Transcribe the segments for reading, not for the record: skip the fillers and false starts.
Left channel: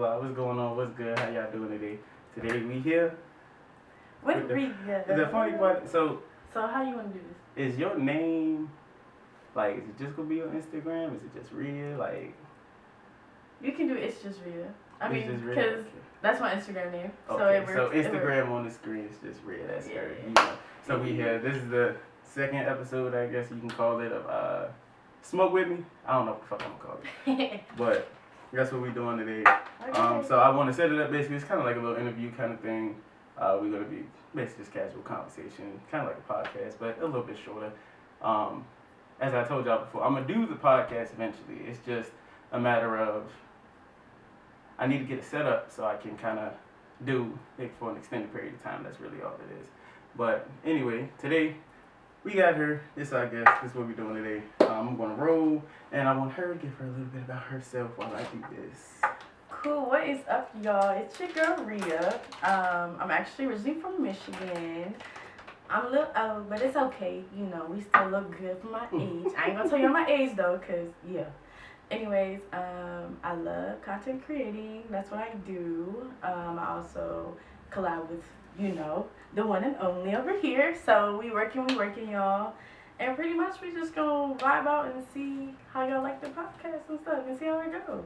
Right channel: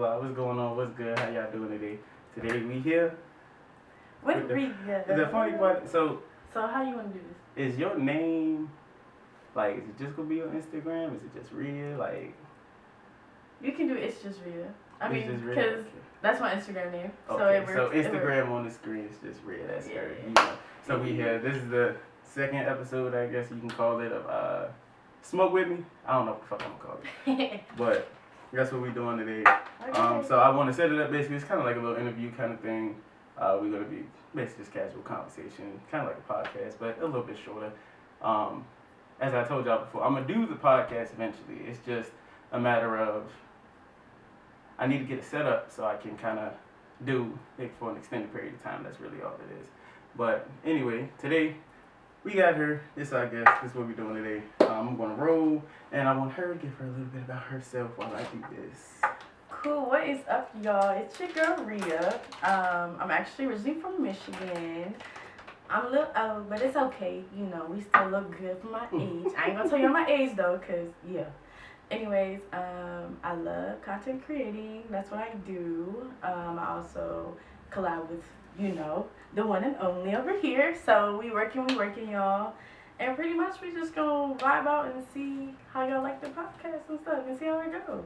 Hola, what's going on? What's good? How y'all doing today? Today we here. What we The funny part, so how you want to do this? is your name, like, is it just gonna be on Instagram? Is it just real? Like, You can do Itsjustria. I it's mean, just real? because that's my Instagram name. So Okay, it works. so Instagram on the screen is just real. That's Yeah. her. You know. So we here. This is the second episode, I guess you can call it, of Smoke With Me. I don't know what the fuck I'm gonna call it. But that's what we doing today. Okay. So I want to set it up basically. It's kind of like a little interview kind of thing. We're gonna be basically just casual conversation, kind of like a podcast, but a little bit shorter. As I told y'all before, I'm gonna do the podcast eventually. It's just a matter of I need to get it set up so I can kind of do it for an extended period of time. That's really all it is. But anyway, today we got her. This I guess this is what we're doing today. I'm gonna roll, and I want her to give her a little bit about herself while I do this. Cool. What is up, y'all? It's your girl Rhea. I'm actually originally from Michigan. I'm a little old, but it's okay. You know, we still look good for my age. I ain't gonna tell you my age though, cause yeah. Anyways, I love content creating. That's what I do. I also collab with, you know, the one and only over here. So we working, y'all. And pretty much we just gonna vibe out and see how y'all like the podcast and stuff and see how it goes.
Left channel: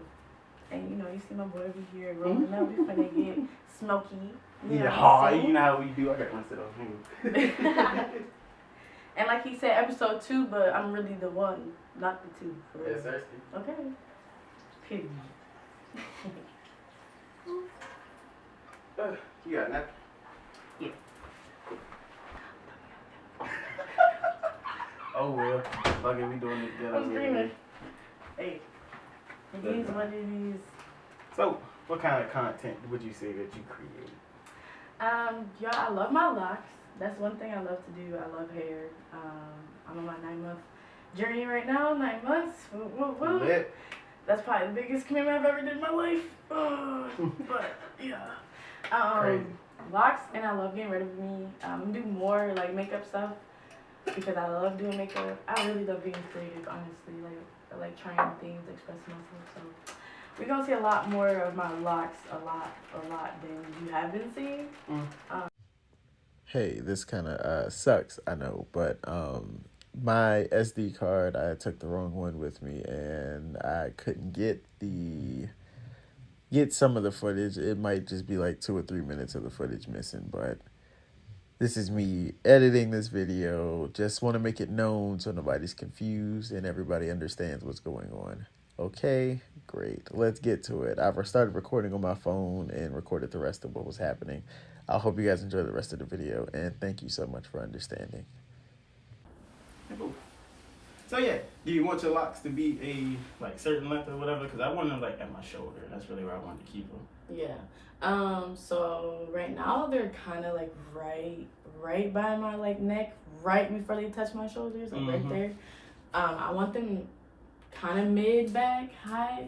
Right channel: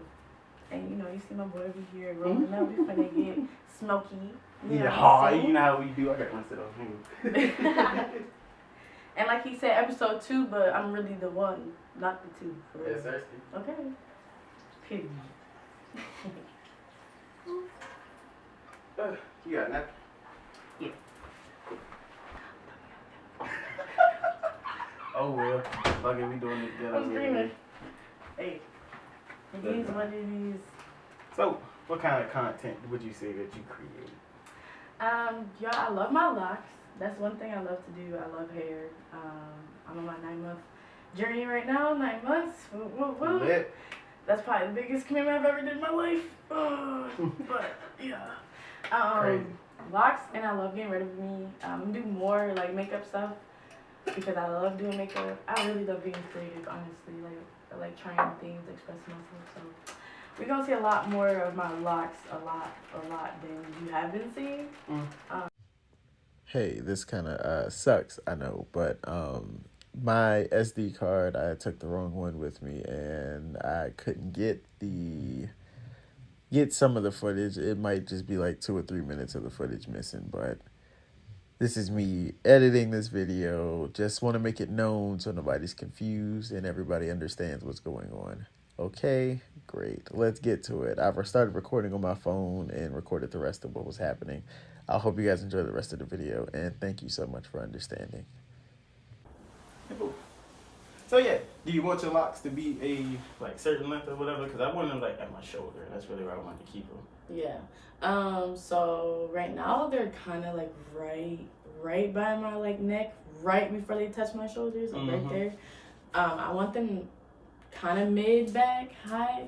And you know, you see my boy over here rolling up. We finna get smoky. You know You know how we do. I got one sit on you. And like he said, episode 2, but I'm really the one, not the 2. For real. Yes, sir. Okay. Period. You got that? Yeah. Oh well. Fuck it, we doing this good. I'm screaming. Hey. It is what it is. So, what kind of content would you say that you create? Y'all, I love my locks. That's one thing I love to do. I love hair. I'm on my 9-month journey right now. 9 months. Woo. Lit. That's probably the biggest commitment I've ever did in my life. But yeah. Crazy. Locks, and I love getting rid of me. Do more like makeup stuff because I love doing makeup. I really love being creative, honestly. Like I like trying things, expressing myself. So we're gonna see a lot more of my locks, a lot than you have been seeing. Hey, this kind of sucks, I know, but my SD card, I took the wrong one with me, and I couldn't get some of the footage. It might just be like 2 or 3 minutes of the footage missing, but this is me editing this video. Just want to make it known so nobody's confused and everybody understands what's going on. Okay, great. Let's get to it. I've started recording on my phone and recorded the rest of what was happening. I hope you guys enjoy the rest of the video, and thank you so much for understanding. So yeah, do you want your locks to be a like certain length or whatever? Because I want them like at my shoulder. That's really where I wanted to keep them. Yeah. So right now they're kind of like right by my like neck, right before they touch my shoulders, like right there. I want them kind of mid back, high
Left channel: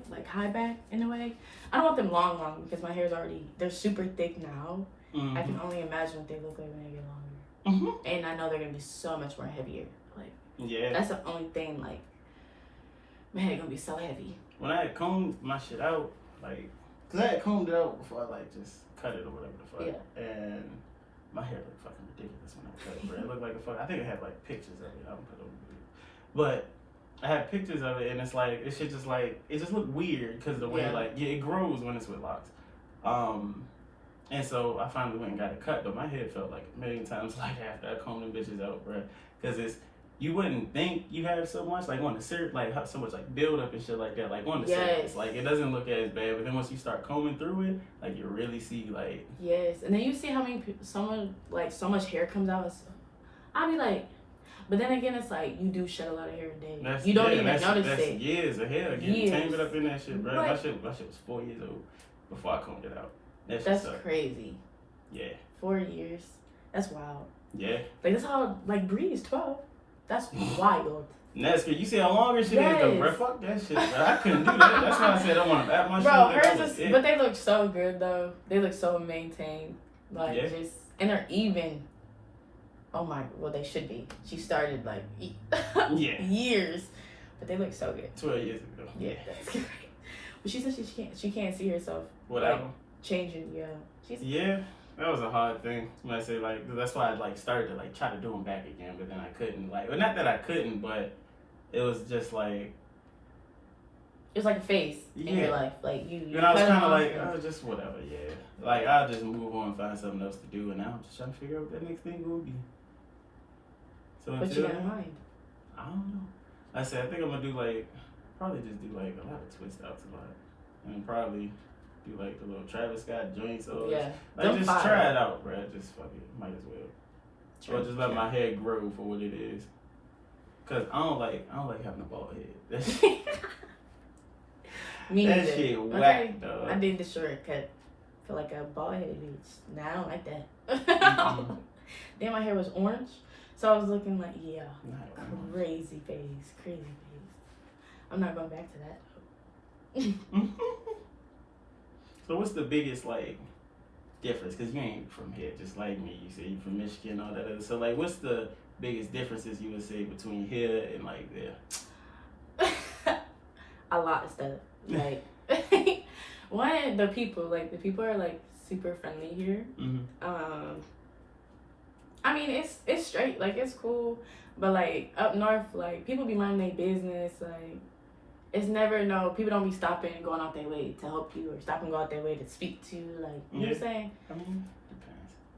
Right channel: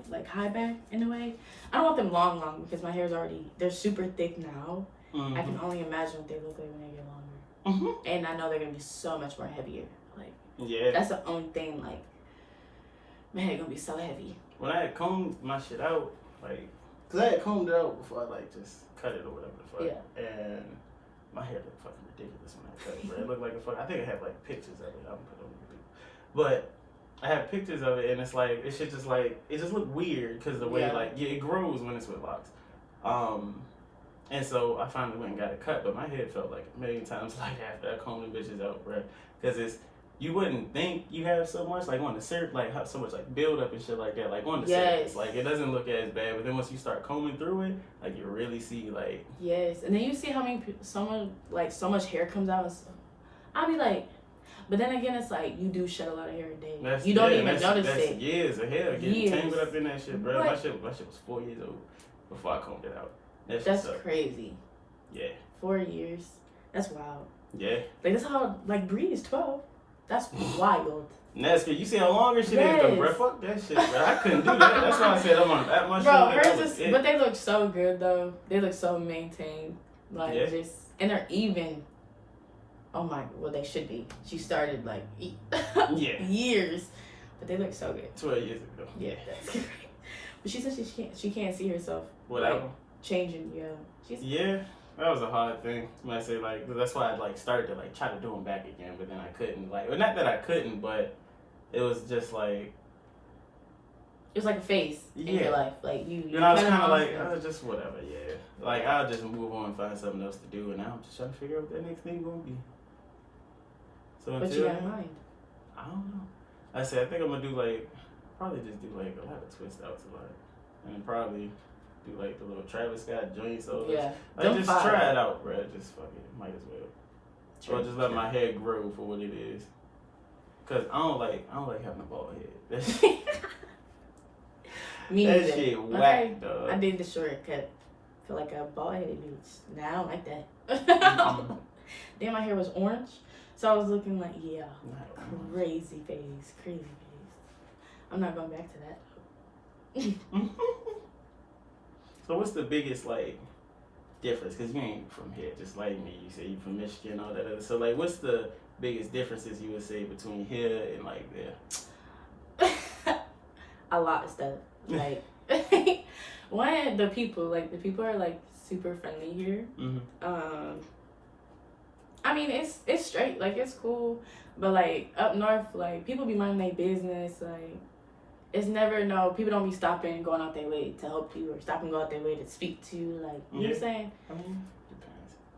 back in a way. I don't want them long because my hair's they're super thick now. I can only imagine what they look like when they get longer. And I know they're gonna be so much more heavier. Like, yeah, that's the only thing. Like, my hair gonna be so heavy. When I had combed my shit out, like, cause I had combed it out before I like just cut it or whatever the fuck. Yeah. And my hair looked fucking ridiculous when I cut it, bro. It looked like a fuck. I think I had like pictures of it. I'm gonna put it over the video. But I have pictures of it, and it's like it should just like it just look weird because the way it grows when it's with locks. And so I finally went and got it cut, but my head felt like a million times like after I combed the bitches out, bro. Because you wouldn't think you have so much like on the surface, like so much like build up and shit like that, like on the surface, like it doesn't look as bad. But then once you start combing through it, like you really see like and then you see how many so much hair comes out. And stuff. I'll be like. But then again, it's like you do shed a lot of hair a day. You don't even notice it. Years of hair getting tangled up in that shit, bro. My shit was 4 years old before I combed it out. That's crazy. Yeah. 4 years. That's wild. Yeah. Like that's how Bree is 12. That's wild. That's good. You see how long her shit is though, bro. Fuck that shit, bro. I couldn't do that. That's why I said I want to bat my shit. But they look so good though. They look so maintained. Like and they're even. Oh my, well they should be. She started like years, but they look so good. 12 years ago. Yeah, that's great. But she said she can't see herself Whatever. like, changing. Yeah. Yeah, that was a hard thing. When I say like, that's why I like started to like try to do them back again, but then I couldn't. Like, well, not that I couldn't, but it was just like. It's like a phase in your life, like you. And I was kind of like, oh, just whatever, yeah. Like I'll just move on and find something else to do, and now I'm just trying to figure out what that next thing gonna be. So what you got in mind? I don't know. I said I think I'm gonna do like probably just do like a lot of twist outs a lot, and then probably do like the little Travis Scott joints. Or Yeah, like just try it out, bro. Just fuck it, might as well. Or just let my hair grow for what it is. Cause I don't like having a bald head. Me that either. shit whack, dog. I did the shortcut for like a bald headed bitch. Nah, I don't like that. Then my hair was orange, so I was looking like crazy face. I'm not going back to that. So what's the biggest like difference? Cause you ain't from here, just like me. You say you from Michigan, all that other. So like, what's the biggest differences you would say between here and like there? A lot of stuff. Like one, the people are like super friendly here. Mm-hmm. I mean it's straight, like it's cool, but like up north, like people be minding their business. Like it's never people don't be stopping and going out their way to help you or stop and go out their way to speak to you. Like you know what I'm saying? I mean,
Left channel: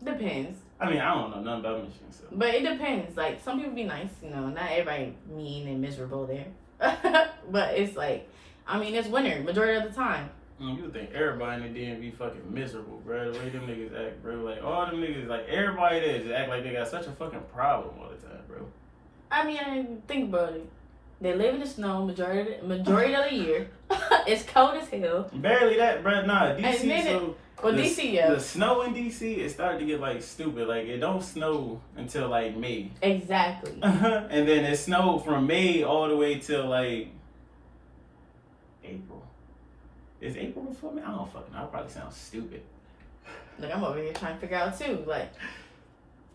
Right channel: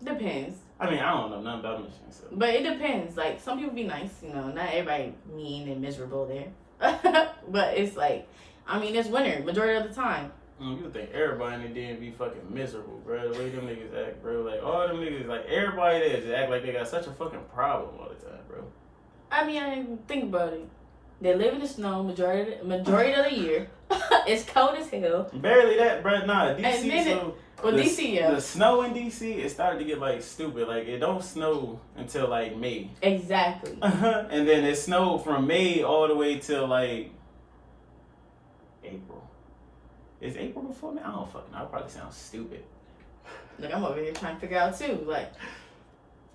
Depends. I mean, I don't know nothing about Michigan, so. But it depends. Like some people be nice, you know. Not everybody mean and miserable there. But it's like, I mean, it's winter majority of the time. You would think everybody in the DMV fucking miserable, bro. The way them niggas act, bro. Like all them niggas, like everybody there just act like they got such a fucking problem all the time, bro. I mean, I didn't think about it. They live in the snow majority of the year. It's cold as hell. Barely that, bro. Nah, DC. So well, DC, yeah. The snow in DC, it started to get like stupid. Like it don't snow until like May. Exactly. And then it snowed from May all the way till like April. Is April before May? I don't fucking know. I probably sound stupid. Like I'm over here trying to figure out too. Like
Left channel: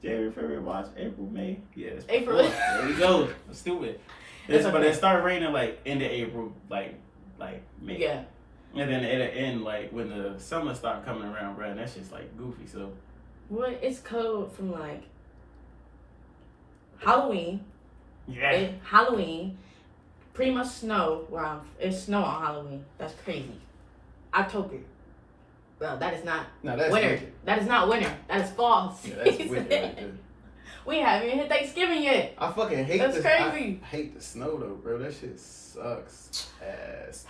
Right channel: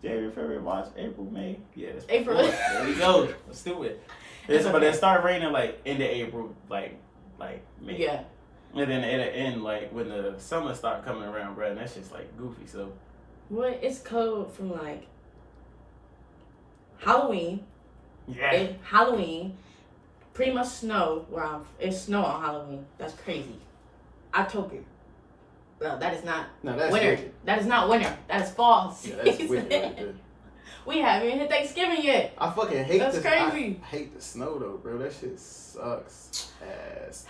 January, February, March, April, May. Yeah, that's April. There we go. I'm stupid. Okay. But it started raining like into April, like May. Yeah. And then it'll end like when the summer start coming around, bro. And that's just like goofy. So. What? It's cold from like Halloween. Yeah. Halloween. Pretty much snow. Wow, it's snow on Halloween. That's crazy. October. Well, that is not that's winter. Winter. That is not winter. That is fall. Yeah, that's winter right there. We haven't even hit Thanksgiving yet. I fucking hate That's crazy. I hate the snow though, bro. That shit sucks ass.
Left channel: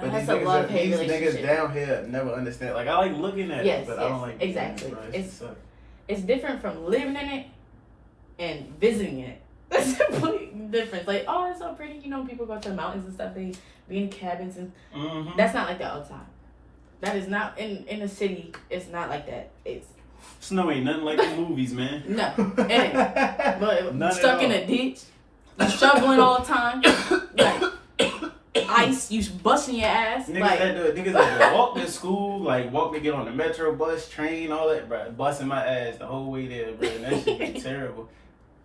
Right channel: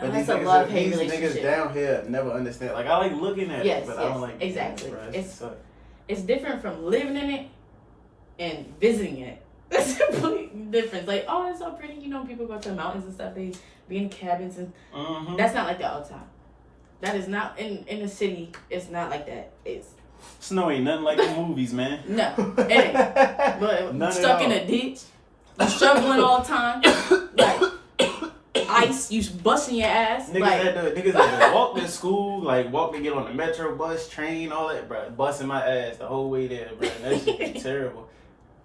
But That's a love-hate relationship. These niggas down here never understand. Like I like looking at it, but I don't like exactly. It, it's different from living in it and visiting it. That's a complete difference. Like, oh, it's so pretty. You know, people go to the mountains and stuff. They be in cabins and that's not like that all the time. That is not in the city. It's not like that. It's snow ain't nothing like the movies, man. No, it ain't. But stuck in a ditch, you shoveling all the time, like ice, you busting your ass. Niggas, like, niggas had to walk to school, like walk to get on the metro bus, train, all that, bro. Busting my ass the whole way there, bro. And that shit be terrible.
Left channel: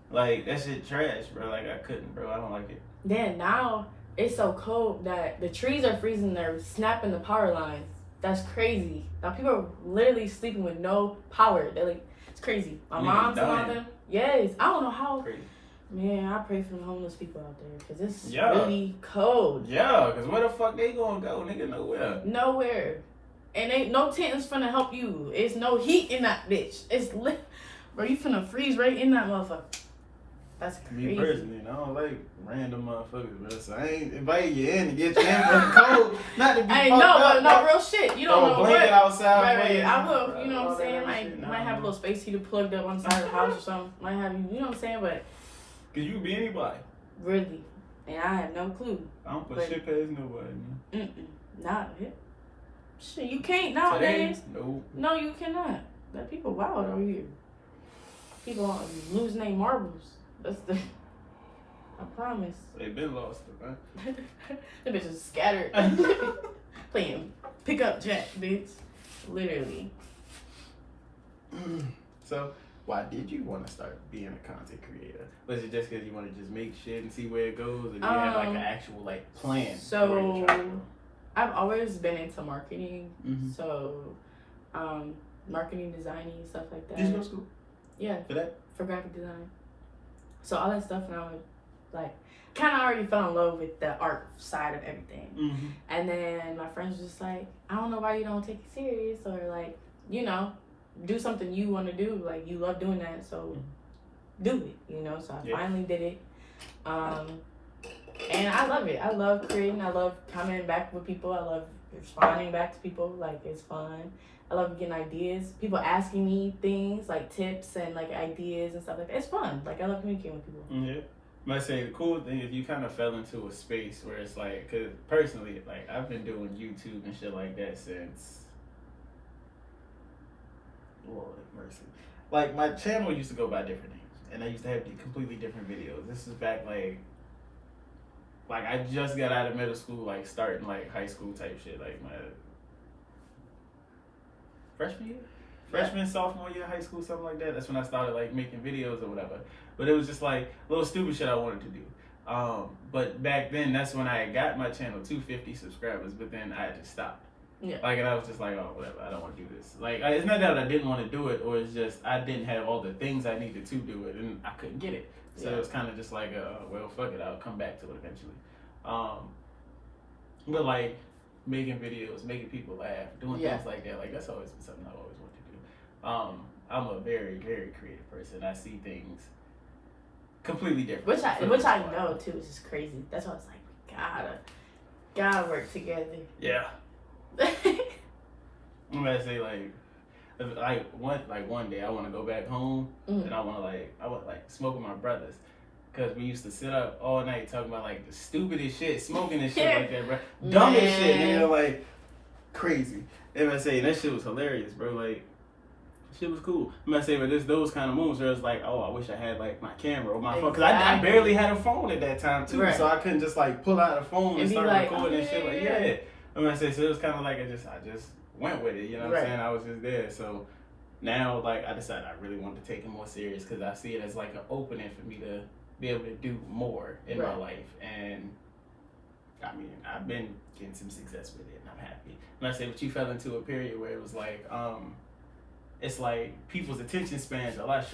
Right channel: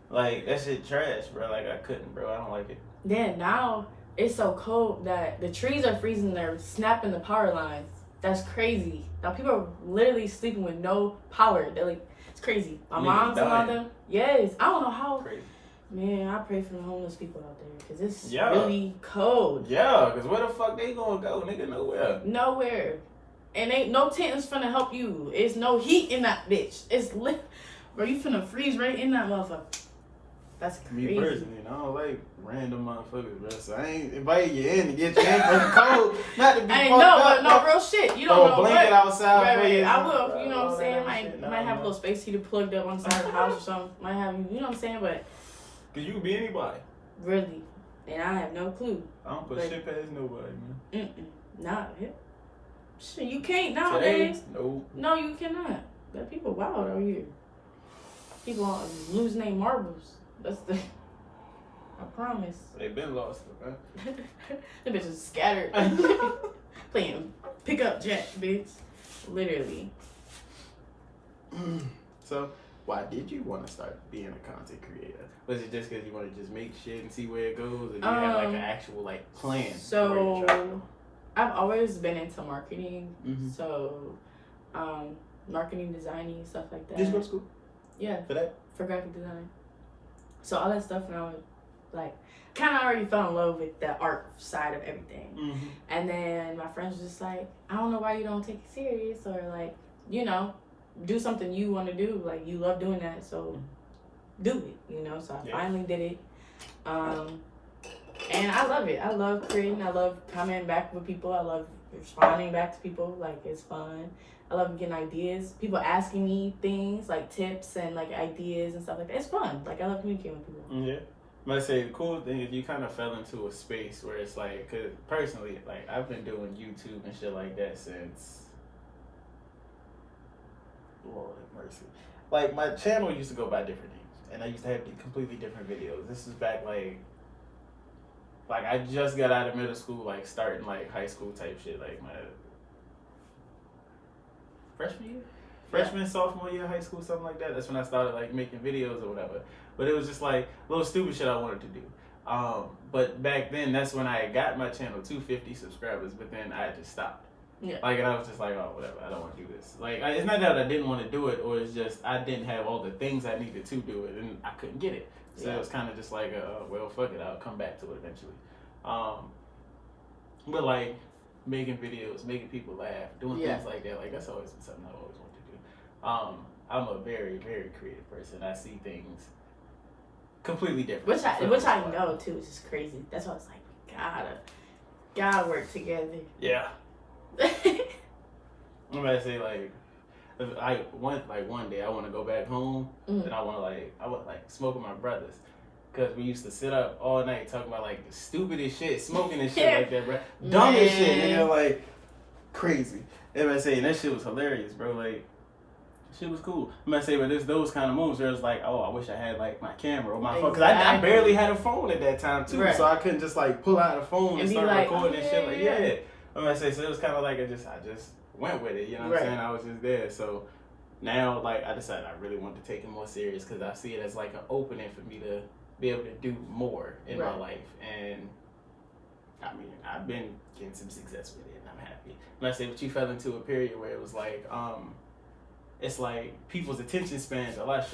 Like that shit trash, bro. Like I couldn't, bro. I don't like it. Then now it's so cold that the trees are freezing. They're snapping the power lines. That's crazy. Now people are literally sleeping with no power. They're like, it's crazy. My mom's and all them. Yes, I don't know how. Crazy. Man, I pray for the homeless people out there because it's really cold. Yeah, because where the fuck they gonna go? Nigga, nowhere. Nowhere. And ain't no tent's finna help you. It's no heat in that bitch. It's lit. Bro, you finna freeze right in that motherfucker. That's crazy. Me personally, I don't like random motherfuckers, bro. So I ain't inviting you in to get you in from the cold. Not to be I know, but no real shit. You don't know what. Outside right. I will, you know what I'm saying? Might have a little space heater plugged up on the side of the house or something. Might have you know what I'm saying? But cause you be anybody. Really. And I have no clue. I don't put shit past nobody, man. Not it. Shit, you can't nowadays. Nope. No, you cannot. But people wild over here. People are losing their marbles. That's the. I promise. They been lost, man. The bitches scattered. Playing pickup jack, bitch. Literally. So, why did you want to start being a content creator? Was it just because you want to just make shit and see where it goes, or do you have like an actual like plan? So, I've always been into marketing, Mm-hmm. so marketing, designing, stuff like that. Did you go to school? Yeah, For that? for graphic design. So all that stuff, and I was like, kind of already fell in love with the art side of everything. Mm-hmm. And then my friends were just like, I don't know why you don't take it serious, or like, you know, do something you want to do. Like, you love doing that, so do it, you know. So I finally did it. And I love it. I love creating. I love coming back with people. I love responding back to people. Like, it's fun. I love getting ideas. People asking me things, like tips and like ideas and stuff like that. It's fun. Like, I love communicating with people. Yeah. I say the cool thing is you kind of fell into a space where it's like, cause personally, like I've been doing YouTube and shit like that since, Lord have mercy. Like my channel used to go by different names, and I used to have completely different videos. This is back like I just got out of middle school, like starting like high school type shit, like my freshman year. Freshman, sophomore year of high school, something like that. That's when I started like making videos or whatever. But it was just like little stupid shit I wanted to do. But back then, that's when I got my channel to 50 subscribers. But then I just stopped. Yeah. Like, and I was just like, oh, whatever. I don't want to do this. Like, it's not that I didn't want to do it, or it's just I didn't have all the things I needed to do it, and I couldn't get it. So it was kind of just like, well, fuck it. I'll come back to it eventually. But like making videos, making people laugh, doing things like that. Like that's always been something I've always wanted to do. I'm a very, very creative person. I see things completely different. Which I know too, is just crazy. That's why it's like we gotta work together. Yeah. I'm gonna say like one day I want to go back home and I want to smoke with my brothers. Cause we used to sit up all night talking about like the stupidest shit, smoking and shit like that, bro. Dumbest shit, nigga, like crazy. And I say that shit was hilarious, bro. Like shit was cool. I'm gonna say, but there's those kind of moments where it's like, oh, I wish I had like my camera or my phone, cause I barely had a phone at that time too, so I couldn't just like pull out a phone and start like, recording and shit. Like I'm gonna say, so it was kind of like I just went with it. You know what I'm saying? I was just there. So now like I decided I really wanted to take it more serious because I see it as like an opening for me to be able to do more in my life. And I mean, I've been getting some success with it and I'm happy. And I say, but you fell into a period where it was like, it's like people's attention spans are a lot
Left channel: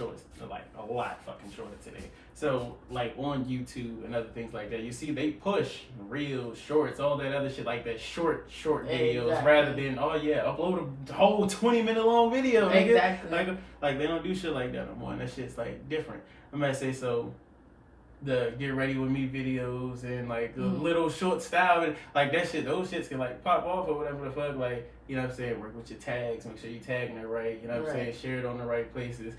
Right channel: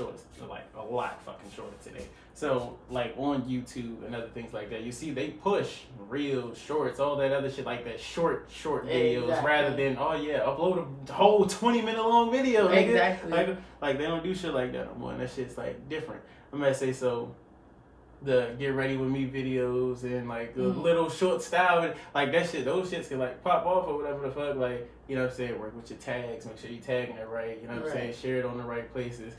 fucking shorter today. So like on YouTube and other things like that, you see they push reels, shorts, all that other shit like that, short videos rather than upload a whole 20-minute long video. Exactly. Like they don't do shit like that no more, and that shit's like different. I'm gonna say so. The get ready with me videos and like the little short style and like that shit, those shits can like pop off or whatever the fuck, like, you know what I'm saying, work with your tags, make sure you tagging it right, you know what I'm saying, share it on the right places.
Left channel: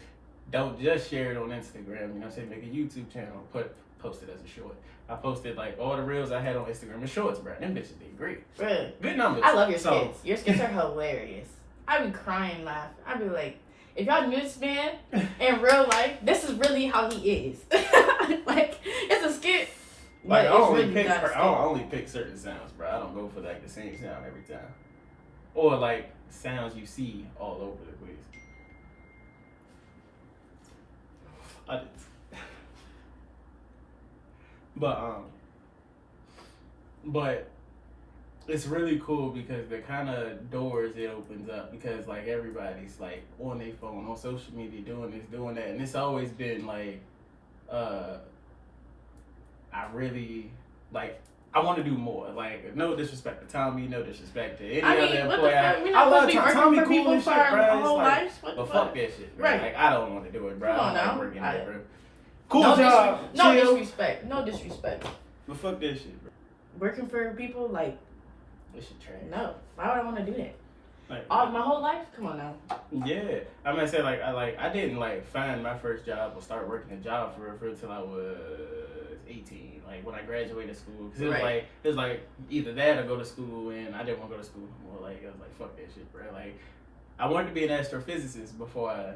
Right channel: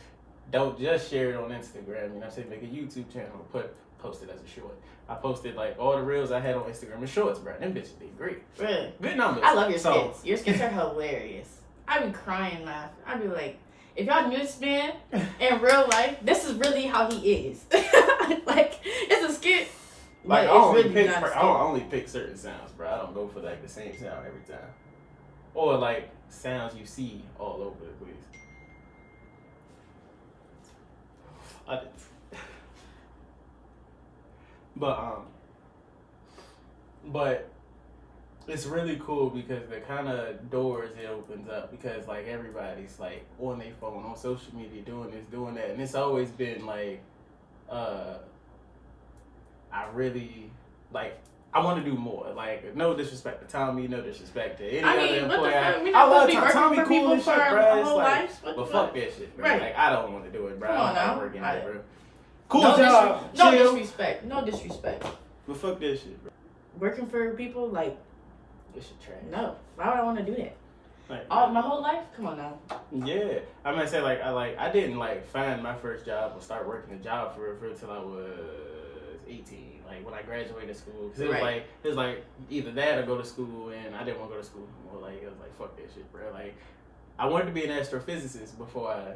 Don't just share it on Instagram, you know what I'm saying, make a YouTube channel, post it as a short. I posted like all the reels I had on Instagram and shorts, bro. Them bitches did great. Really? Good numbers. I love your skits. Your skits are hilarious. I be crying laughing. I be like, if y'all knew this man in real life, this is really how he is. Like, it's a skit. Like, I only pick certain sounds, bro. I don't go for like the same sound every time. Or like sounds you see all over the place. But it's really cool because the kind of doors it opens up, because like everybody's like on their phone, on social media, doing this, doing that, and it's always been like, I really like. I want to do more. Like, no disrespect to Tommy, no disrespect to any other employer. We not supposed to be working for people for our whole lives. But fuck that shit, bro. Right. Like, I don't want to do it, bro. Come on now. Working there, bro. Cool job. No disrespect. No disrespect. But fuck that shit, bro. Working for people, like, this shit trash. No. Why would I want to do that? Like, my whole life? Come on now. Yeah. I'm gonna say I didn't like find my first job or start working a job for until I was 18. Like when I graduated school, because it was like either that or go to school, and I didn't want to go to school anymore. Like I was like, fuck that shit, bro. Like I wanted to be an astrophysicist before I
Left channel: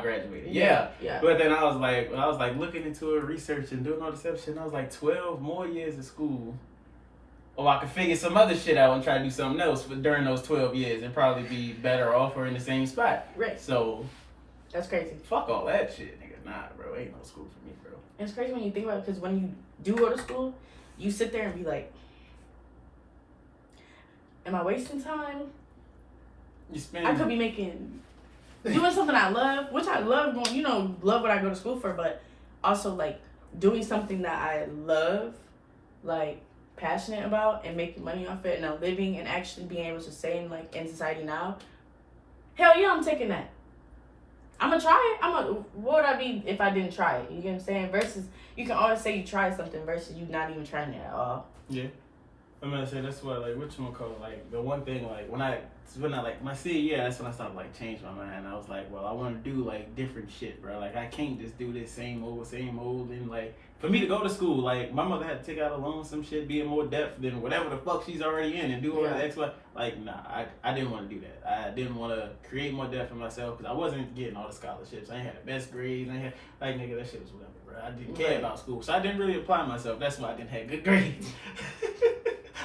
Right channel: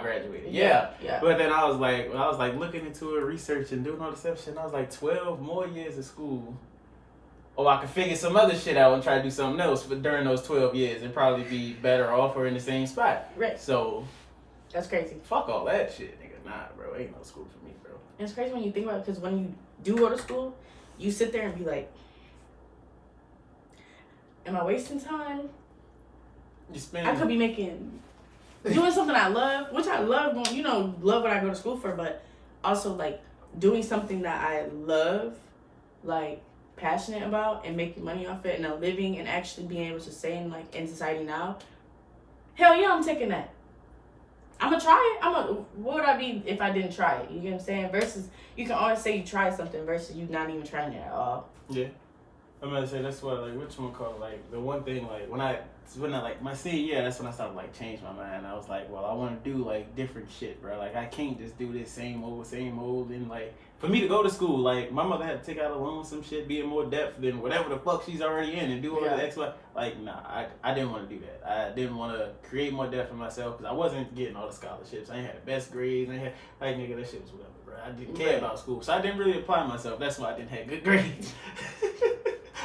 graduated. Yeah. But then I was like looking into it, research and doing all this stuff, and I was like 12 more years of school. Or I could figure some other shit out and try to do something else during those 12 years and probably be better off or in the same spot. Right. So that's crazy. Fuck all that shit, nigga. Nah, bro. Ain't no school for me, bro. It's crazy when you think about it, because when you do go to school, you sit there and be like, am I wasting time? You spend. I could be doing something I love, which I love going, love what I go to school for, but also like doing something that I love, like passionate about and making money off it and I'm living and actually being able to say in society now. Hell yeah, I'm taking that. I'm gonna try it. What would I be if I didn't try it? You get what I'm saying? Versus you can always say you tried something versus you not even trying it at all. Yeah. I'm gonna say that's what like the one thing like when I like my senior year, that's when I started like change my mind. I was like, well, I want to do like different shit, bro. Like I can't just do this same old, and like for me to go to school, like my mother had to take out a loan, some shit, be in more depth than whatever the fuck she's already in, and do all the X, Y. Like nah, I didn't want to do that. I didn't want to create more depth for myself because I wasn't getting all the scholarships. I ain't had the best grades. I ain't had like nigga, that shit was whatever, bro. I didn't care about school, so I didn't really apply myself. That's why I didn't have good grades.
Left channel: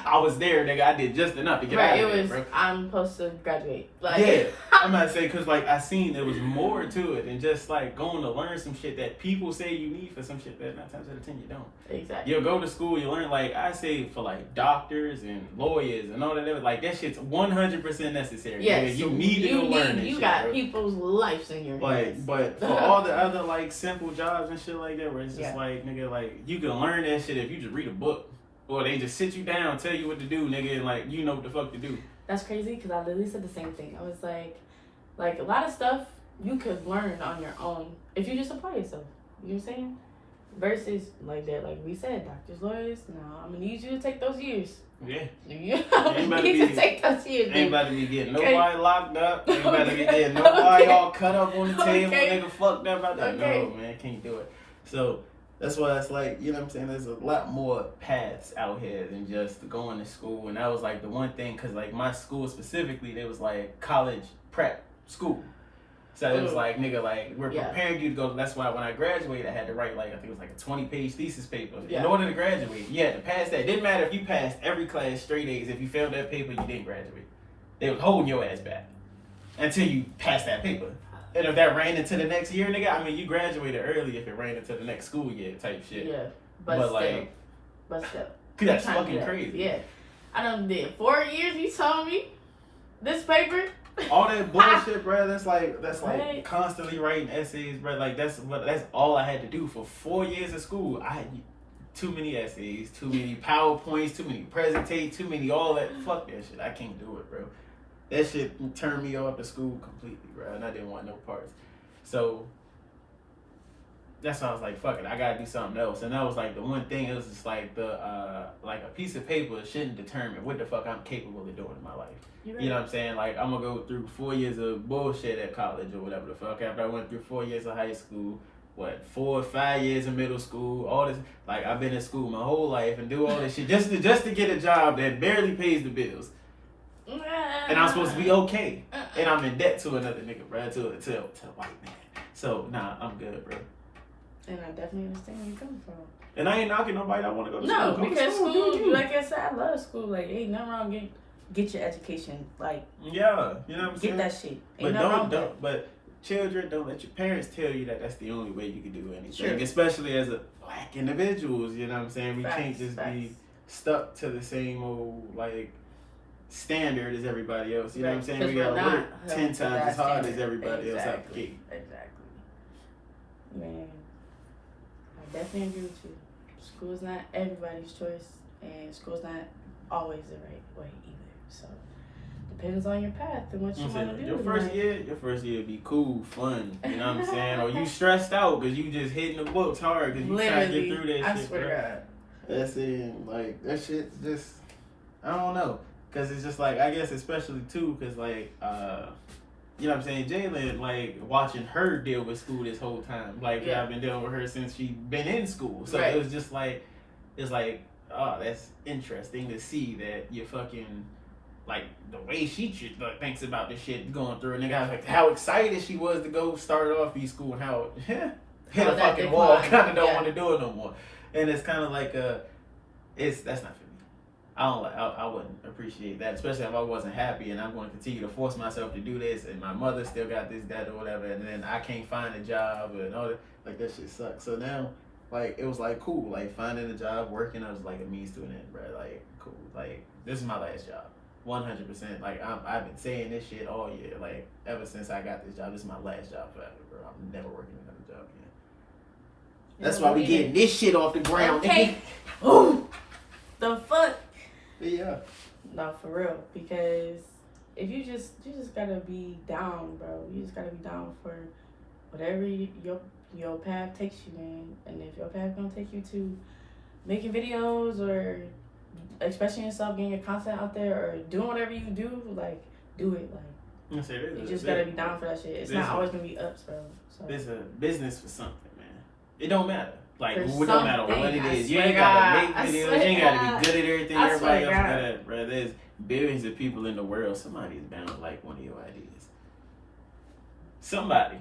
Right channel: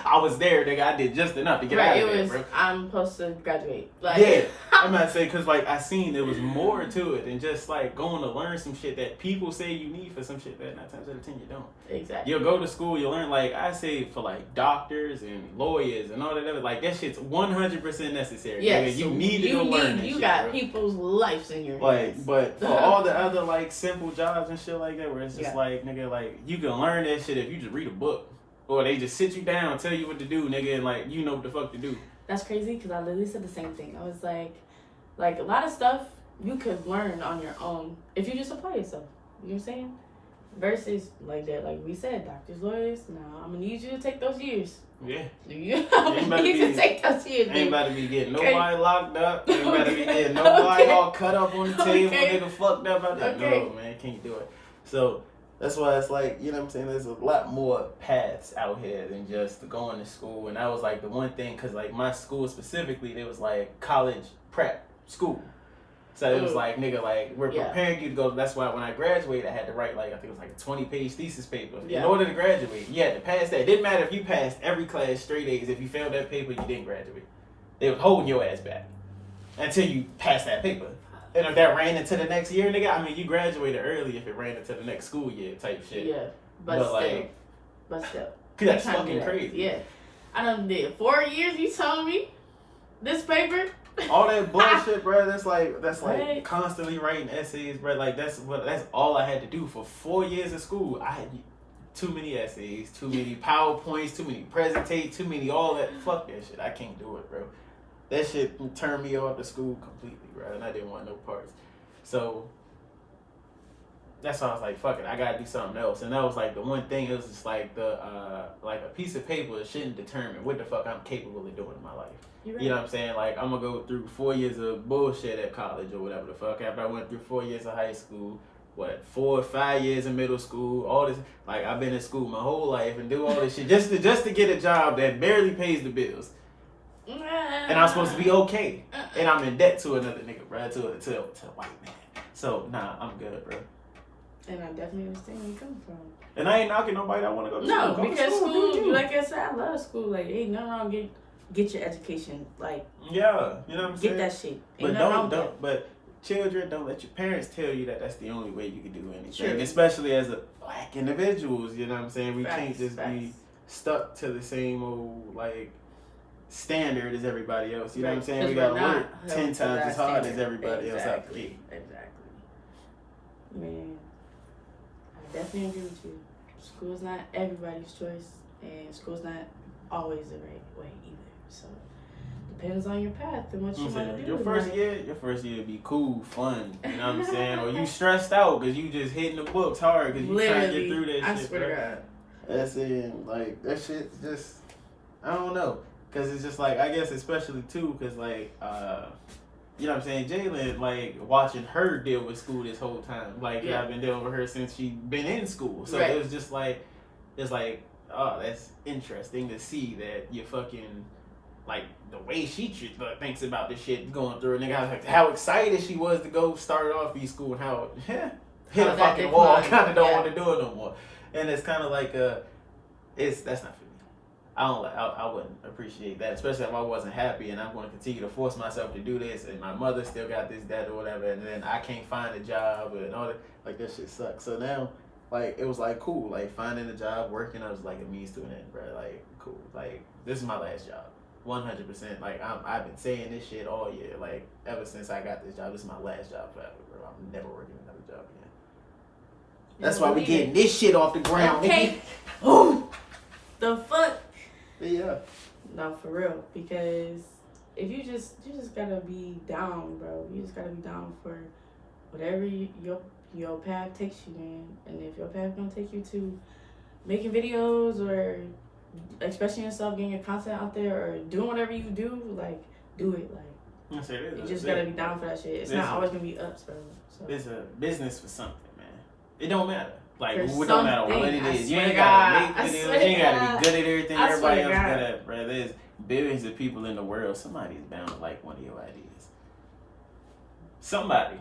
I was there, nigga. I did just enough to get out of there, bro. I'm supposed to graduate. Like, yeah, I'm not saying because like I seen there was more to it than just like going to learn some shit that people say you need for some shit that 9 times out of 10 you don't. Exactly. You'll go to school, you learn like I say for like doctors and lawyers and all that other like that shit's 100% necessary. Yeah, you need to learn. You shit, got bro. People's lives in your hands. But for all the other like simple jobs and shit like that, where it's just like nigga, like you can learn that shit if you just read a book. Or they just sit you down, tell you what to do, nigga, and like you know what the fuck to do. That's crazy because I literally said the same thing. I was like a lot of stuff you could learn on your own if you just apply yourself. You know what I'm saying? Versus like that, like we said, doctors, lawyers. No, I'm gonna need you to take those years. Yeah. I'm gonna need you to take those years. Ain't about to be getting nobody locked up. Ain't about to be getting nobody all cut up on the table, nigga, fucked up out there. No, man, can't do it. So. That's why it's like, you know what I'm saying, there's a lot more paths out here than just going to school. And that was like the one thing, because like my school specifically, there was like college prep school. So it was like, nigga, like we're preparing you to go. That's why when I graduated, I had to write like, I think it was like a 20-page thesis paper. Yeah. In order to graduate, you had to pass that. It didn't matter if you passed every class straight A's. If you failed that paper, you didn't graduate. They were holding your ass back until you passed that paper. And if that ran into the next year, nigga, I mean, you graduated early if it ran into the next school year type shit. Yeah, but still. That's fucking crazy. Yeah. I done did 4 years, you told me. This paper. All that bullshit, bro, that's like constantly writing essays, bro. Like, that's all I had to do for 4 years of school. I had too many essays, too many PowerPoints, too many presentations, too many all that. Fuck that shit. I can't do it, bro. That shit turned me off the school completely, bro, and I didn't want no parts. So that's why I was like, fuck it, I gotta do something else. And that was like the one thing, it was just like like a piece of paper shouldn't determine what the fuck I'm capable of doing in my life. Right. You know what I'm saying? Like, I'm gonna go through 4 years of bullshit at college or whatever the fuck. After I went through 4 years of high school, 4 or 5 years of middle school, all this, like, I've been in school my whole life and do all this shit just to get a job that barely pays the bills. And I'm supposed to be okay. And I'm in debt to another nigga, bro, to a white man. So, nah, I'm good, bro. And I definitely understand where you're coming from. And I ain't knocking nobody that want to go to school. No, because school, like I said, I love school. Like, ain't nothing wrong. Get your education. Like, yeah, you know what I'm saying? Get that shit. Ain't but children, don't let your parents tell you that that's the only way you can do anything. Sure. Especially as a black individuals, you know what I'm saying? We can't just be stuck to the same old, like, standard as everybody else. You know what I'm saying? We gotta work 10 times as hard as everybody else out there. Exactly. Man, I definitely agree with you. School's not everybody's choice, and school's not always the right way either. So depends on your path and what you want to do. Your first year be cool, fun. You know what I'm saying? Or you stressed out because you just hitting the books hard because you trying to get through that shit. I swear to God. That's it. Like, that shit just, I don't know. Because it's just like, I guess especially too, because like, you know what I'm saying, Jalen, like, watching her deal with school this whole time. Like, I've been dealing with her since she been in school. So it was just like, it's like, oh, that's interesting to see that you fucking, like, the way she thinks about this shit going through. And like, how excited she was to go start off these school and how hit a fucking wall, kind of don't want to do it no more. And it's kind of like, that's not for me. I wouldn't appreciate that, especially if I wasn't happy and I'm going to continue to force myself to do this and my mother still got this, that, or whatever, and then I can't find a job and all that. Like, that shit sucks. So now, like, it was like cool, like finding a job, working, I was like a means to an end, bro. Like, cool. Like, this is my last job. 100%. Like I've been saying this shit all year. Like ever since I got this job, this is my last job forever, bro. I'm never working another job again. That's why we getting this shit off the ground. Okay. Ooh, the fuck. Yeah. No, for real. Because if you just gotta be down, bro. You just gotta be down for whatever your path takes you in, and if your path gonna take you to making videos or expressing yourself, getting your content out there, or doing whatever you do, like do it. Like Yes, it is. you just gotta be down for that shit. It's not always gonna be ups, bro. So. It's a business for something, man. It don't matter. Like it For don't matter what something, it is. I You swear ain't to gotta God. make I videos. swear You ain't to gotta God. be good at everything I everybody swear else to good God. at, bro. There's billions of people in the world. Somebody's bound to like one of your ideas. Somebody.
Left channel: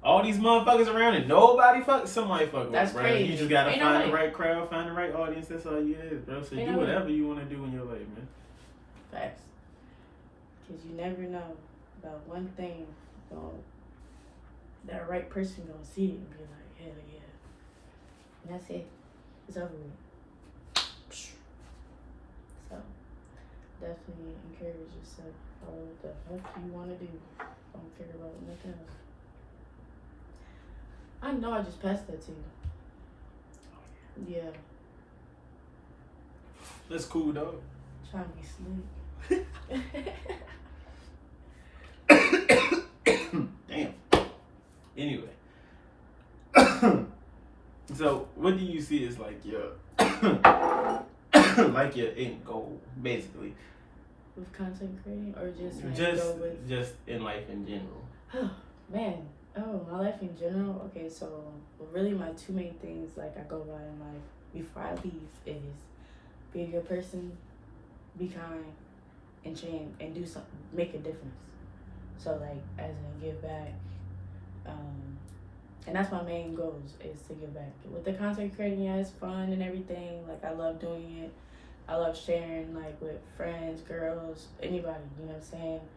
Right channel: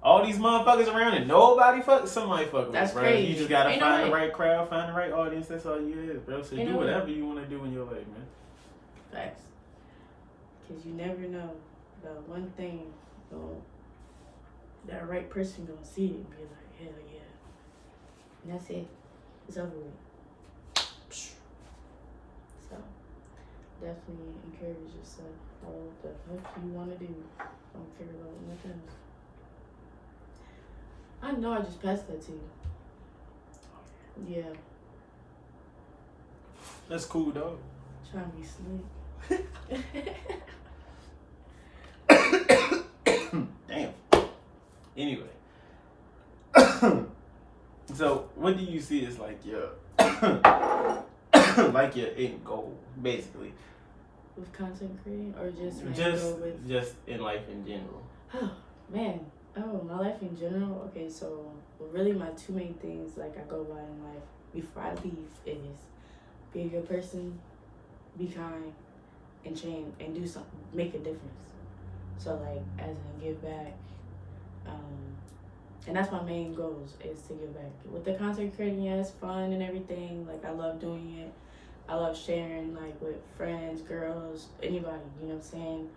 All these motherfuckers around and nobody somebody fuck with, That's bro. crazy. You just gotta Ain't find no the way. right crowd, find the right audience. That's all you is, bro. So Ain't do no way. whatever you want to do in your life, man. Facts. Because you never know about one thing. That right person gonna see it and be like, hell yeah. And that's it. It's over with. So, definitely encourage yourself. Follow what the fuck you want to do. Don't care about nothing else. I know I just passed that to you. Yeah. That's cool, dog. Trying to be slick. Damn. Anyway. So, what do you see as like your like your end goal, basically? With content creating, or just my end goal with just in life in general. Oh man, my life in general. Okay, so really my two main things like I go by in life before I leave is be a good person, be kind, and change and do something, make a difference. So like as in give back, and that's my main goals is to give back. With the content creating, yeah, it's fun and everything. Like I love doing it. I love sharing like with friends, girls, anybody. You know what I'm saying?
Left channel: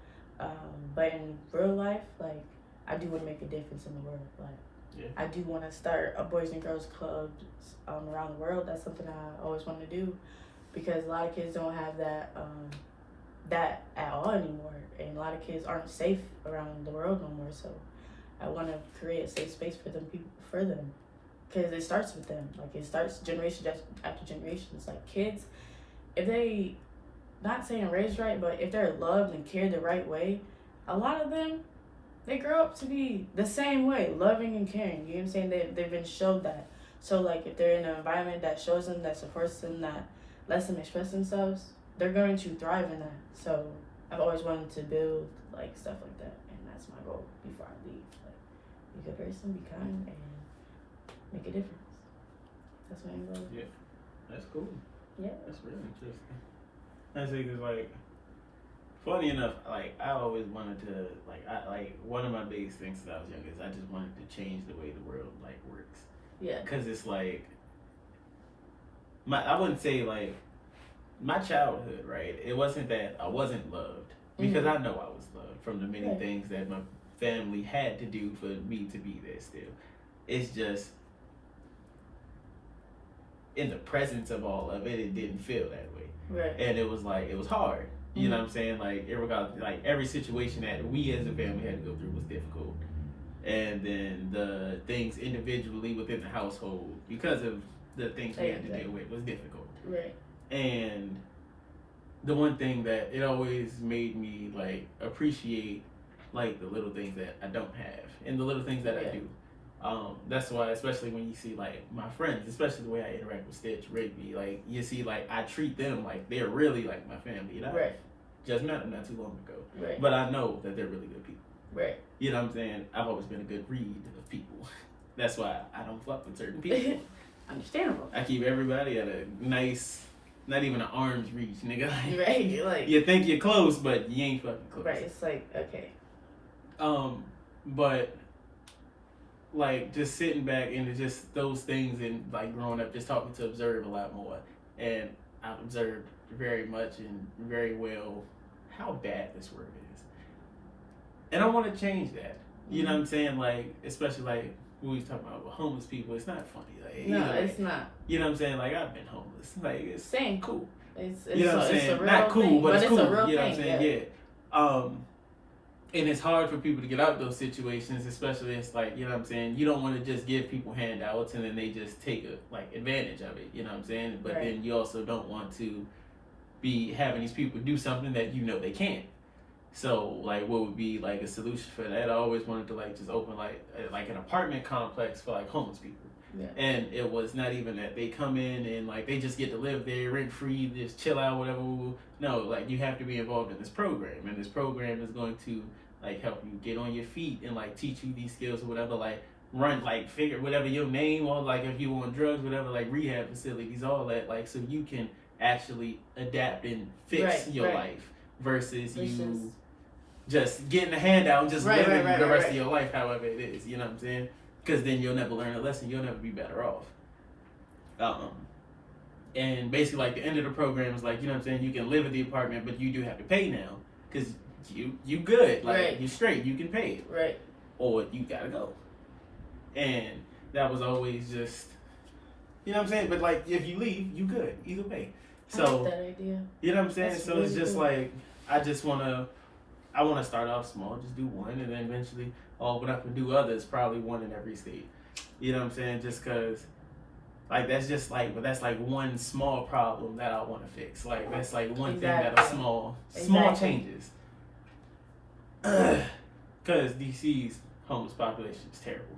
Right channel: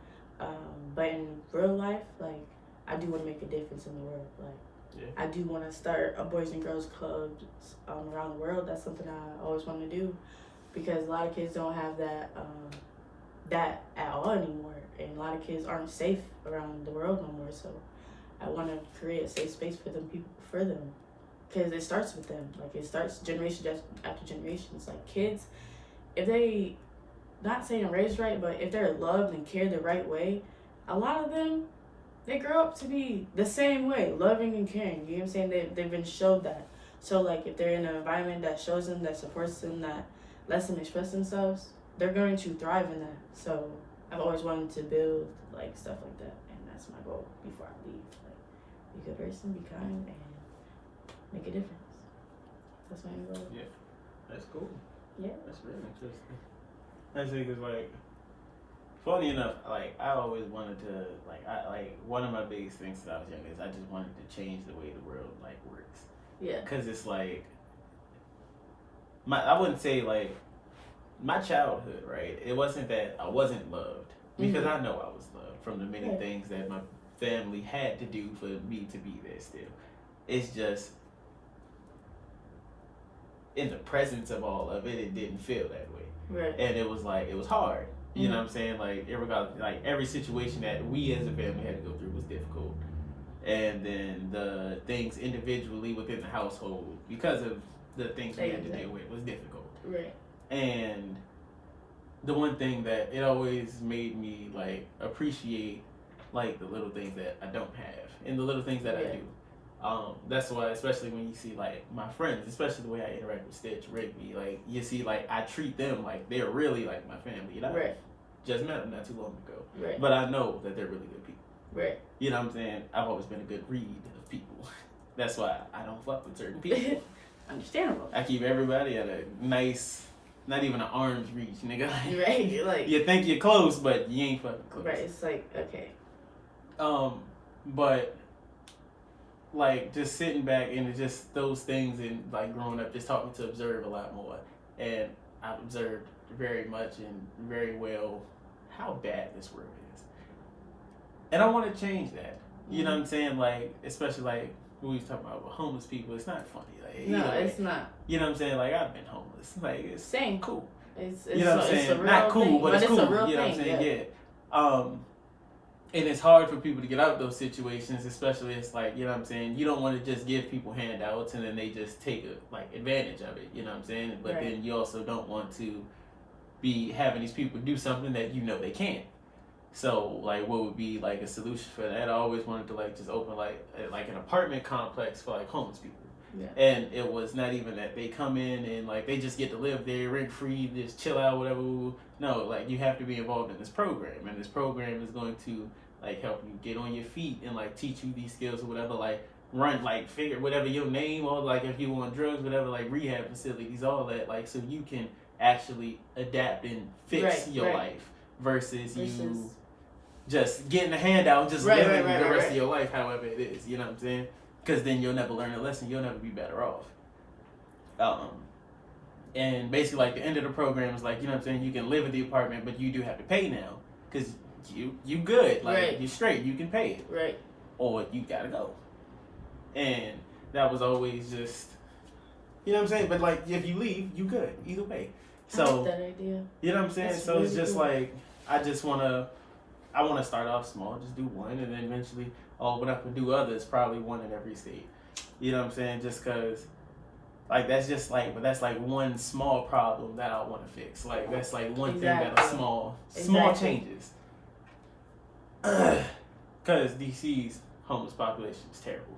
But in real life, like I do want to make a difference in the world. Like Yeah. I do want to start a boys and girls club around the world. That's something I always want to do because a lot of kids don't have that that at all anymore, and a lot of kids aren't safe around the world no more. So I want to create a safe space for them, because it starts with them. Like it starts generation after generation. It's like kids, if they, not saying raised right, but if they're loved and cared the right way, a lot of them, they grow up to be the same way, loving and caring. You know what I'm saying? They've been showed that. So like if they're in an environment that shows them, that supports them, that lets them express themselves, they're going to thrive in that. So I've always wanted to build like stuff like that, and that's my goal before I leave. Like be a good person, be kind, and make a difference. That's my goal. Yeah. That's cool. Yeah. That's very interesting. That's because like funny enough, like I always wanted to like one of my biggest things since I was young is I just wanted to change the way the world like works. Yeah. Cause it's like I wouldn't say like my childhood, right? It wasn't that I wasn't loved because I know I was loved from the many things that my family had to do for me to be there still. It's just in the presence of all of it, it didn't feel that way. Right. And it was like, it was hard. You know what I'm saying? Like, every situation that we as a family had to go through was difficult. And then the things individually within the household, because of the things we had to deal with, was difficult. Right. And the one thing that it always made me, like, appreciate, like, the little things that I don't have and the little things that I do. That's why, especially when you see like my friends, especially the way I interact with Stitch, Rigby, like you see, like I treat them like they're really like my family. And I just met them not too long ago, but I know that they're really good people. Right. You know what I'm saying? I've always been a good read of people. That's why I don't fuck with certain people. Understandable. I keep everybody at a nice, not even an arm's reach, nigga. Right. You're like you think you're close, but you ain't fucking close. Right. It's like okay. But. Like just sitting back and just those things and like growing up just taught me to observe a lot more, and I've observed very much and very well how bad this world is, and I want to change that. You know what I'm saying? Like especially like when we talk about homeless people, it's not funny. Like no, it's not. You know what I'm saying? Like I've been homeless. Like it's same cool. It's you know what I'm saying? It's a real Not cool, thing, but it's cool. a real You know what I'm thing, saying? Yeah. And it's hard for people to get out of those situations, especially it's like, you know what I'm saying, you don't want to just give people handouts and then they just take advantage of it, you know what I'm saying? But Right. then you also don't want to be having these people do something that you know they can't. So like what would be like a solution for that? I always wanted to like just open like an apartment complex for like homeless people. Yeah. And it was not even that they come in and like they just get to live there rent free, just chill out, whatever. No, like you have to be involved in this program, and this program is going to like help you get on your feet and like teach you these skills or whatever, like run like figure whatever your name, or like if you on drugs, whatever, like rehab facilities, all that, like so you can actually adapt and fix your life versus you just getting a handout and just living the rest of your life however it is, you know what I'm saying? Because then you'll never learn a lesson, you'll never be better off. And basically like the end of the program is like, you know what I'm saying, you can live at the apartment, but you do have to pay now because you good, like you're straight, you can pay it, or you gotta go. And that was always just, you know what I'm saying, but like if you leave, you good either way. So I like that idea. You know what I'm saying? That's so really it's just cool. like I want to start off small, just do one, and then eventually open up and do others, probably one in every state. You know what I'm saying? Just because, like, that's just like, but that's like one small problem that I want to fix. Like, that's like one thing that are small changes. Because DC's homeless population is terrible.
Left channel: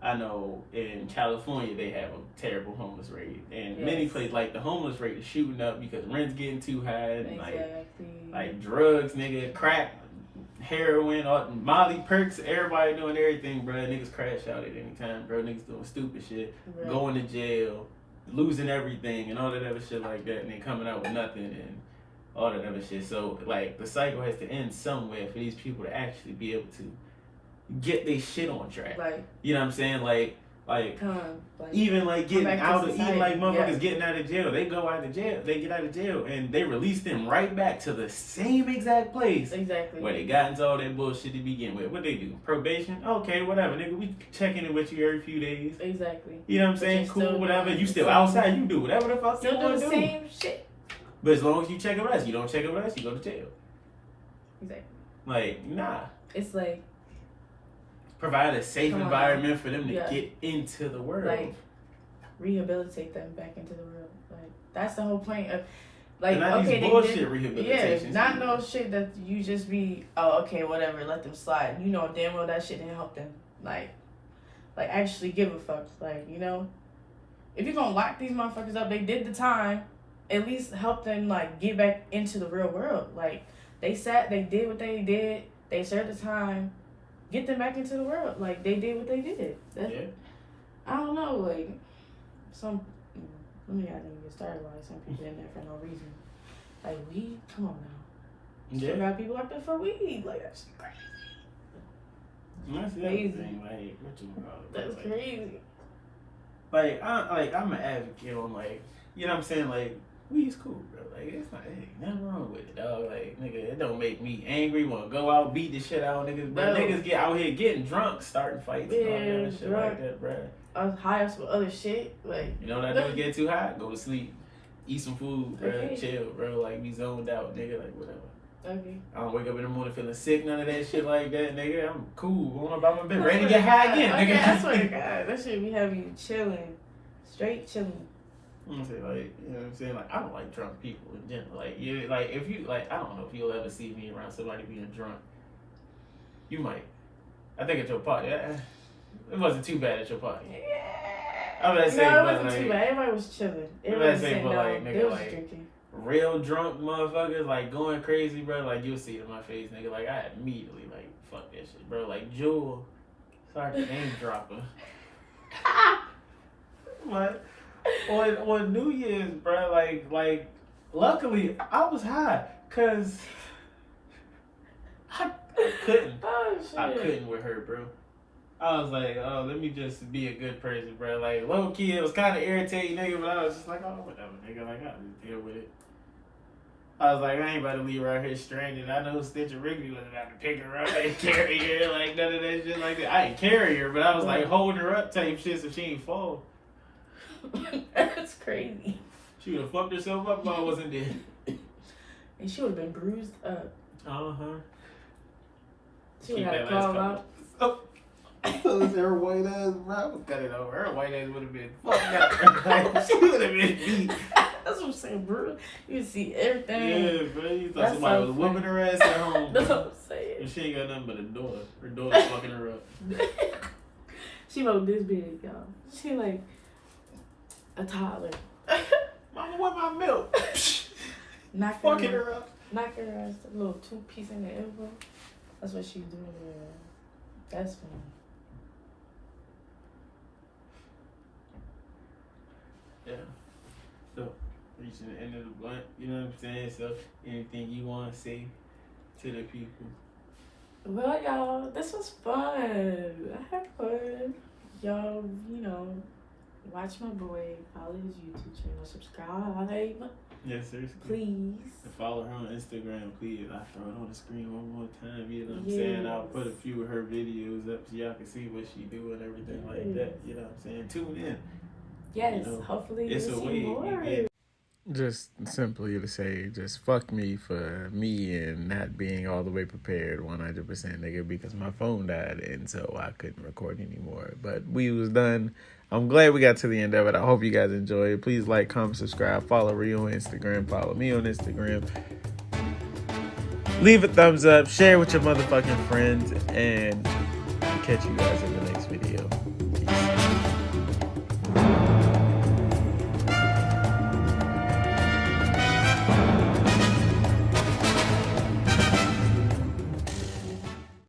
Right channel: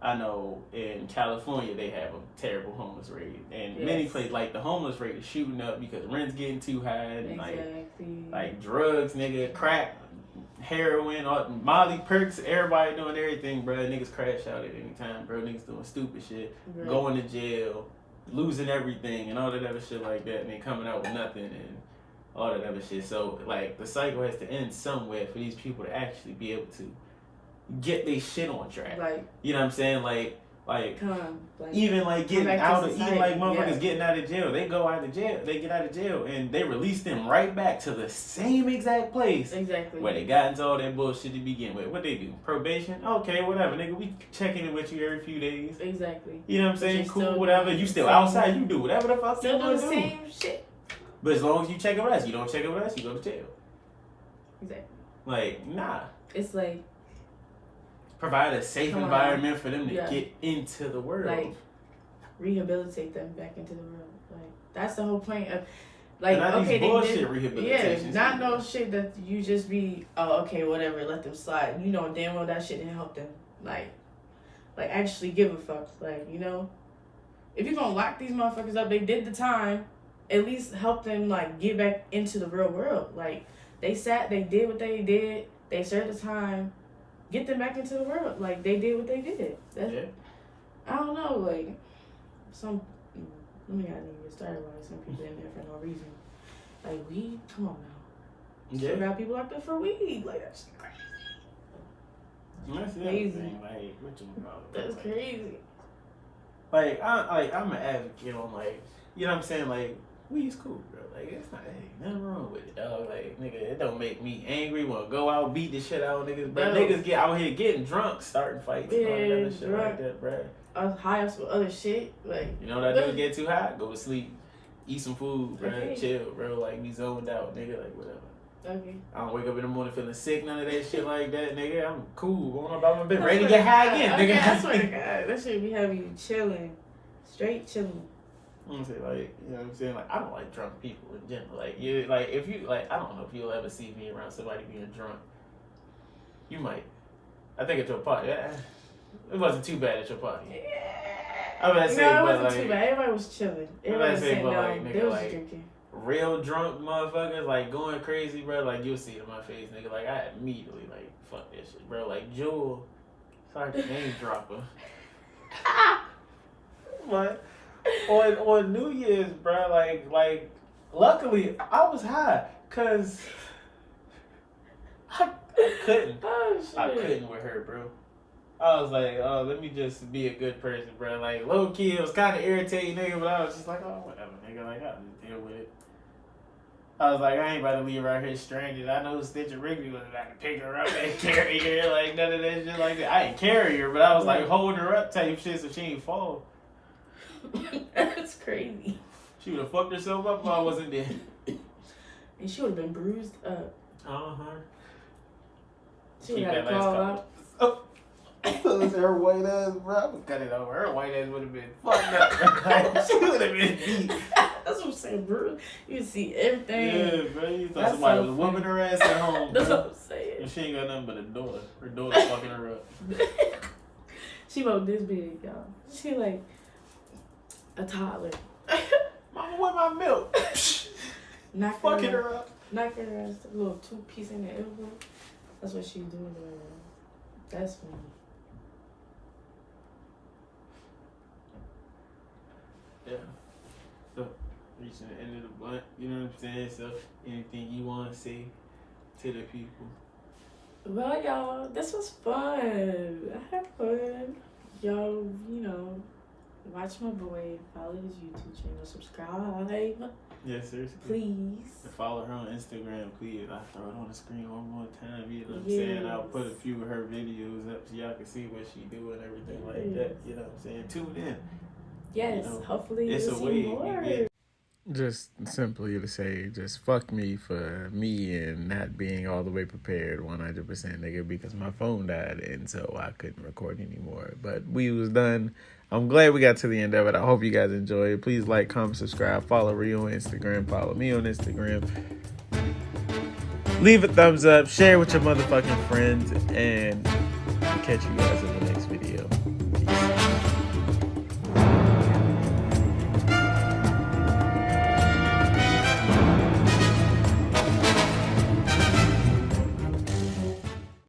I know in California they have a terrible homeless rate, and many places like the homeless rate is shooting up because rent's getting too high, and like drugs, nigga, crack, heroin, Molly perks, everybody doing everything, bro. Niggas crash out at any time, bro. Niggas doing stupid shit, going to jail, losing everything, and all that other shit like that, and then coming out with nothing and all that other shit. So like the cycle has to end somewhere for these people to actually be able to get their shit on track. You know what I'm saying? Like even like getting out of even like motherfuckers getting out of jail. They go out of jail, they get out of jail, and they release them right back to the same exact place where they got into all that bullshit to begin with. What they do? Probation? Okay, whatever, nigga. We checking in with you every few days. You know what I'm saying? Cool, whatever. You still outside. You do whatever the fuck you want to do. Same shit. But as long as you check with us, you don't check with us, you go to jail. Like, nah. It's like provide a safe environment for them to get into the world. Like, rehabilitate them back into the world. Like, that's the whole point of, like, not okay, these bullshit rehabilitation. Not no shit that you just be, oh, okay, whatever, let them slide. You know damn well that shit didn't help them. Like actually give a fuck. Like, you know, if you're gonna lock these motherfuckers up, they did the time, at least help them, like, get back into the real world. Like, they did what they did, they served the time, get them back into the world. Like, they did what they did. I don't know, like, let me not even get started, like, some people in there for no reason. Like, weed? Come on now. Sure got people locked up for weed. Like, that's crazy. That's the other thing, like, what you call it? That's crazy. Like, I'm an advocate on, like, you know what I'm saying? Like, weed's cool, bro. Like, it's not, nothing wrong with it, dog. Like, nigga, it don't make me angry, want to go out, beat the shit out of niggas, bro. Niggas get out here getting drunk, starting fights, and all that other shit like that, bro. I was high off some other shit, like. You know what I do? Get too high, go to sleep, eat some food, bro, chill, bro. Like, be zoned out, nigga, like, whatever. I don't wake up in the morning feeling sick, none of that shit like that, nigga. I'm cool, going about my business, ready to get high again, nigga. I swear to God, that shit be having you chilling, straight chilling. I'm gonna say, like, you know what I'm saying? Like, I don't like drunk people in general. Like, like, if you, like, I don't know if you'll ever see me around somebody being drunk. You might. I think at your party. It wasn't too bad at your party. I'm gonna say, it wasn't too bad. Everybody was chilling. Everybody was sitting down. They was drinking. Real drunk motherfuckers, like, going crazy, bro. Like, you'll see it in my face, nigga. Like, I immediately, like, fuck that shit, bro. Like, Jewel. Sorry to name drop her. What? On New Year's, bro, like, luckily I was high, cause I couldn't. Oh, shit. I couldn't with her, bro. I was like, oh, let me just be a good person, bro. Like, low key, it was kind of irritating, nigga, but I was just like, oh, whatever, nigga. Like, I'll just deal with it. I was like, I ain't about to leave her out here stranded. I know Stitch and Rigby was I could pick her up and carry her, like, none of that shit like that. I ain't carry her, but I was like holding her up type shit so she ain't fall. That's crazy. crazy. She would have fucked herself up while I wasn't there. And she would have been bruised up. Uh-huh. She would have called up. Oh. Her white ass, bro. I would cut it over. Her white ass would have been fucked up. She would have been beat. That's what I'm saying, bro. You see everything. Yeah, bro. You thought somebody was whooping her ass at home. That's bro. what I'm saying. And she ain't got nothing but a daughter. Her daughter's fucking her up. She about this big, y'all. She like a toddler. Mama, where my milk? Fucking her up. Knock her ass, a little 2-piece in the elbow. That's what she doing to her. That's funny. Yeah. So, reaching the end of the blunt, you know what I'm saying? So, anything you want to say to the people? Well, y'all, this was fun. I had fun. Y'all, you know, watch my boy, follow his YouTube channel, subscribe. Yes, sir. Please. Follow her on Instagram, please. I'll throw it on the screen one more time. You know what I'm Yes. saying? I'll put a few of her videos up so y'all can see what she do and everything like that. You know what I'm saying? Tune in. Yes, You know, hopefully it's you'll a see way you more. get- Just simply to say, just fuck me for me and not being all the way prepared 100% nigga because my phone died and so I couldn't record anymore. But we was done. I'm glad we got to the end of it. I hope you guys enjoyed it. Please like, comment, subscribe, follow Rio on Instagram, follow me on Instagram. Leave a thumbs up, share with your motherfucking friends, and catch you guys in the next video. Peace.